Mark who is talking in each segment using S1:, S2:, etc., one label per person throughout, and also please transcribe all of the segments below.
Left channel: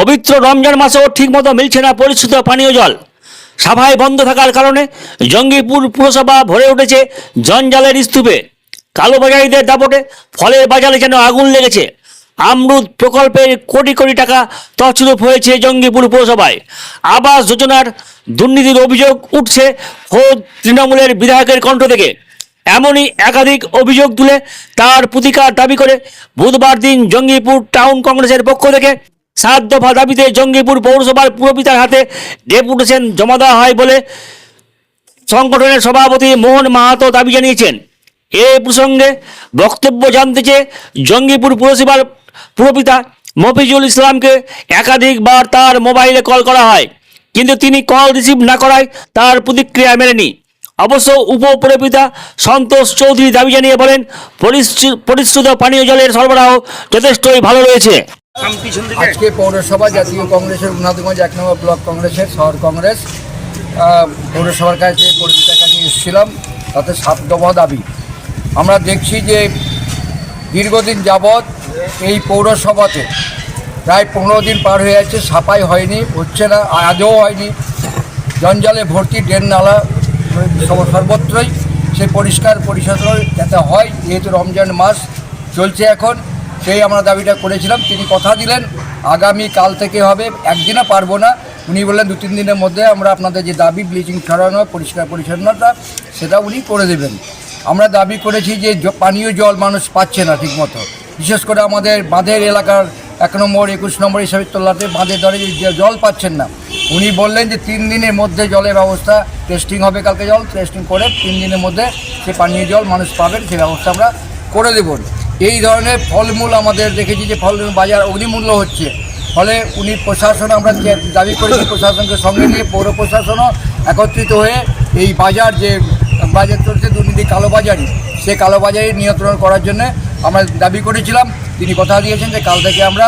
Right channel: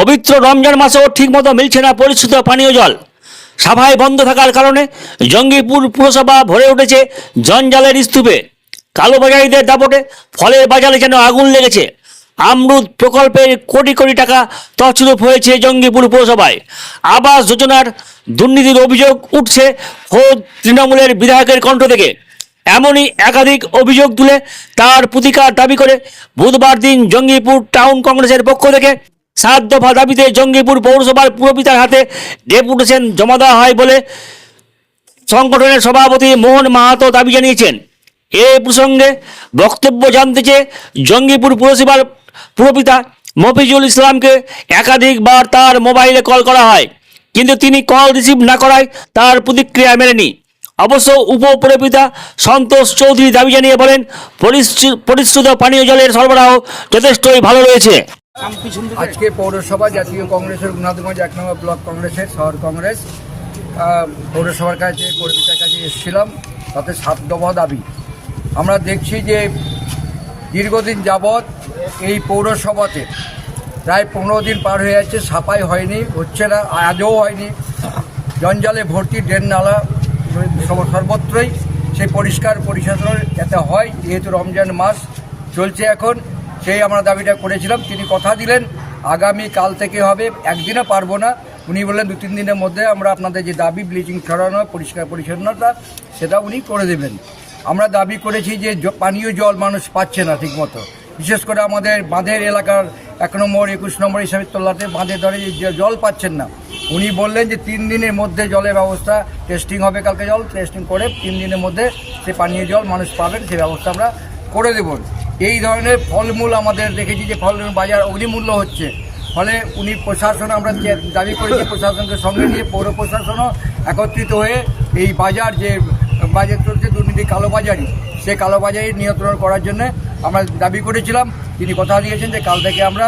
S1: পবিত্র রমজান মাসেও ঠিকমতো মিলছে না পরিশুদ্ধ পানীয় জল। সাভায় বন্ধ থাকার কারণে জঙ্গিপুর পুরসভা ভরে উঠেছে জঞ্জালের স্তূপে। কালোবাজারিদের দাপটে ফলের বাজারে যেন আগুন লেগেছে। আমরুদ প্রকল্পের কোটি কোটি টাকা তছরূপ হয়েছে জঙ্গিপুর পুরসভায়। আবাস যোজনার দুর্নীতির অভিযোগ উঠছে খোদ তৃণমূলের বিধায়কের কণ্ঠ থেকে। এমনই একাধিক অভিযোগ তুলে তার প্রতিকার দাবি করে বুধবার দিন জঙ্গিপুর টাউন কংগ্রেসের পক্ষ থেকে সাত দফা দাবিতে জঙ্গিপুর পৌরসভার পুরপিতার হাতে ডেপুটেশন জমা দেওয়া হয় বলে সংগঠনের সভাপতি মোহন মাহাতো দাবি জানিয়েছেন। এ প্রসঙ্গে বক্তব্য জানতে চেয়ে জঙ্গিপুর পুরসভার পুরপিতা মফিজুল ইসলামকে একাধিকবার তার মোবাইলে কল করা হয়, কিন্তু তিনি কল রিসিভ না করায় তার প্রতিক্রিয়া মেলেনি। অবশ্য উপপুরপিতা সন্তোষ চৌধুরী দাবি জানিয়ে বলেন পরিশ্রু- পরিশ্রুত পানীয় জলের সরবরাহ যথেষ্টই ভালো রয়েছে।
S2: আজকে পৌরসভা, জাতীয় কংগ্রেসের উন্নতগঞ্জ এক নম্বর ব্লক কংগ্রেসের শহর কংগ্রেস পৌরসভার কাছে পরিচিতার কাছে এসেছিলাম, তাতে সাত দফা দাবি। আমরা দেখছি যে দীর্ঘদিন যাবৎ এই পৌরসভাতে প্রায় পনেরো দিন পার হয়ে যাচ্ছে সাফাই হয়নি, হচ্ছে না, আজও হয়নি। জঞ্জালে ভর্তি ড্রেন নালা সর্বত্রই সেই পরিষ্কার পরিচ্ছন্ন যাতে হয়, যেহেতু রমজান মাস চলছে এখন। সেই আমরা দাবিটা করেছিলাম, তিনি কথা দিলেন, আগামী কাল থেকে হবে, একদিনও পারব না। উনি বললেন, দু, তিন দিনের মধ্যে আমরা আপনাদের যে দাবি, ব্লিচিং ছড়ানো, পরিষ্কার পরিচ্ছন্নতা, সেটা উনি করে দেবেন। আমরা দাবি করেছি যে পানীয় জল মানুষ পাচ্ছে না ঠিকমতো। বিশেষ করে আমাদের বাঁধের এলাকার এক নম্বর, একুশ নম্বর হিসাবে তোলাতে বাঁধের ধরে জল পাচ্ছেন না, উনি বললেন যে তিন দিনের মধ্যে জলের ব্যবস্থা, টেস্টিং হবে কালকে জল, টেস্টিং করে তিন দিনের মধ্যে সে পানীয় জল মানুষ পাবেন, সে ব্যবস্থা আমরা করে দেব। এই ধরনের ফলমূল আমাদের দেখেছি যে ফলমূল বাজার অগ্নিমূল্য হচ্ছে। ফলে উনি প্রশাসন, আমরা দাবি করেছি প্রশাসনকে সঙ্গে নিয়ে পৌর প্রশাসনও একত্রিত হয়ে এই বাজার যে বাজার চলছে, দুর্নীতি কালোবাজারি সেই কালোবাজারি নিয়ন্ত্রণ করার জন্য আমরা দাবি করেছিলাম। তিনি কথা দিয়েছেন যে কাল থেকে আমরা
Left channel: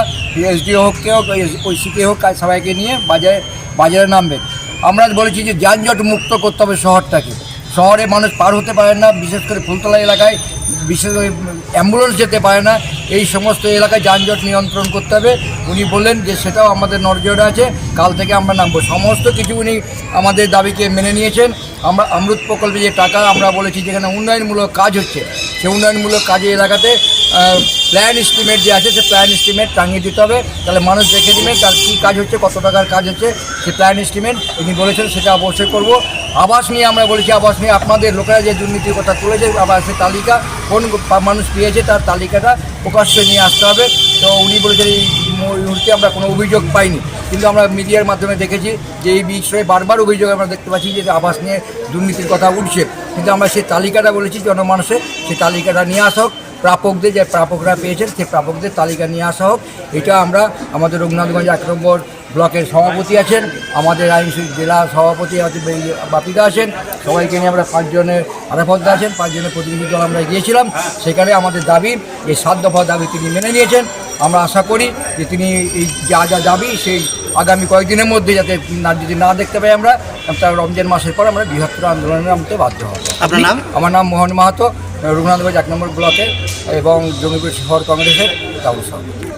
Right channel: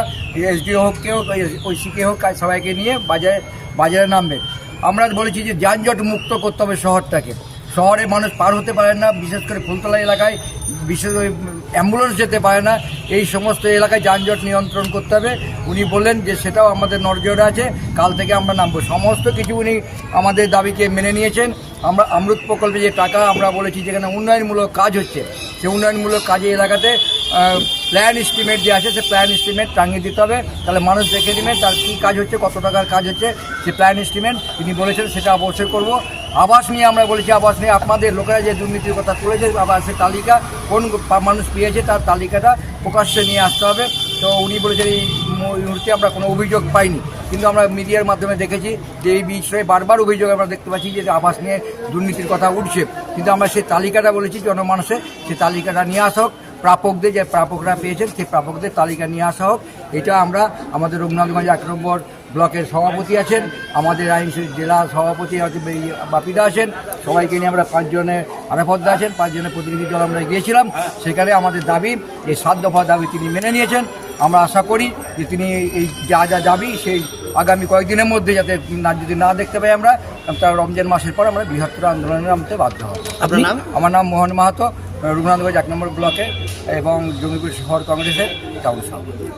S2: এসডিও হোককে হোক ওই সিকে হোক সবাইকে নিয়ে বাজারে বাজারে নামবে আমরা বলেছি যে যানজট মুক্ত করতে হবে শহরটাকে শহরে মানুষ পার হতে পারে না বিশেষ করে ফুলতলা এলাকায় বিশেষ অ্যাম্বুলেন্স যেতে পারে না, এই সমস্ত এলাকায় যানজট নিয়ন্ত্রণ করতে হবে। উনি বললেন যে সেটাও আমাদের নজরে আছে, কাল থেকে আমরা নামবো। সমস্ত কিছু উনি আমাদের দাবিকে মেনে নিয়েছেন। আমরা অমৃত প্রকল্পে যে টাকা আমরা বলেছি, যেখানে উন্নয়নমূলক কাজ হচ্ছে সেই উন্নয়নমূলক কাজে এলাকাতে প্ল্যান এস্টিমেট যে আছে, সে প্ল্যান এস্টিমেট টাঙিয়ে দিতে হবে। তাহলে মানুষ দেখে নেবে তার কী কাজ হচ্ছে, কত টাকার কাজ হচ্ছে, সে প্ল্যান এস্টিমেট তিনি বলেছেন সেটা অবশ্যই করব। আবাস নিয়ে আমরা বলেছি, আবাস নিয়ে আপনাদের লোকেরা যে দুর্নীতির কথা তুলেছে, আবাসের তালিকা, কোন মানুষ পেয়েছে তার তালিকাটা প্রকাশ্যে নিয়ে আসতে হবে। তো উনি বলেছেন এই মুহূর্তে আমরা কোনো অভিযোগ পাইনি। কিন্তু আমরা মিডিয়ার মাধ্যমে দেখেছি যে এই বিষয়ে বারবার অভিযোগ আমরা দেখতে পাচ্ছি যে আবাস নিয়ে দুর্নীতির কথা উঠছে। কিন্তু আমরা সেই তালিকাটা বলেছি জনমানুষে সেই তালিকাটা নিয়ে আসা হোক প্রাপকদের যে প্রাপকরা পেয়েছেন সেই প্রাপকদের তালিকা নিয়ে আসা হোক। এটা আমরা আমাদের রঘুনাথগঞ্জ এক নম্বর ব্লকের সভাপতি আছেন আমাদের আইনসি জেলা সভাপতি আছে বাপিদা আছেন। সবাইকে নিয়ে আমরা পাঁচজনের আরাফতদা আছেন পাঁচজনের প্রতিনিধি দল আমরা গিয়েছিলাম সেখানে আমাদের দাবি এই সাত দফা দাবি তিনি মেনে নিয়েছেন। আমরা আশা করি যে তিনি এই যা যা দাবি সেই আগামী কয়েকদিনের মধ্যে যাতে না যদি না দেখতে পাই আমরা তার রমজান মাসের পর আমরা বৃহত্তর আন্দোলনে নামতে বাধ্য হব।
S3: আপনার নাম?
S2: আমার নাম মোহন মাহাতো। রঘুনাথগঞ্জ এক নম্বর ব্লকের এবং জমিপুর শহর কংগ্রেসের কাউন্সিলর।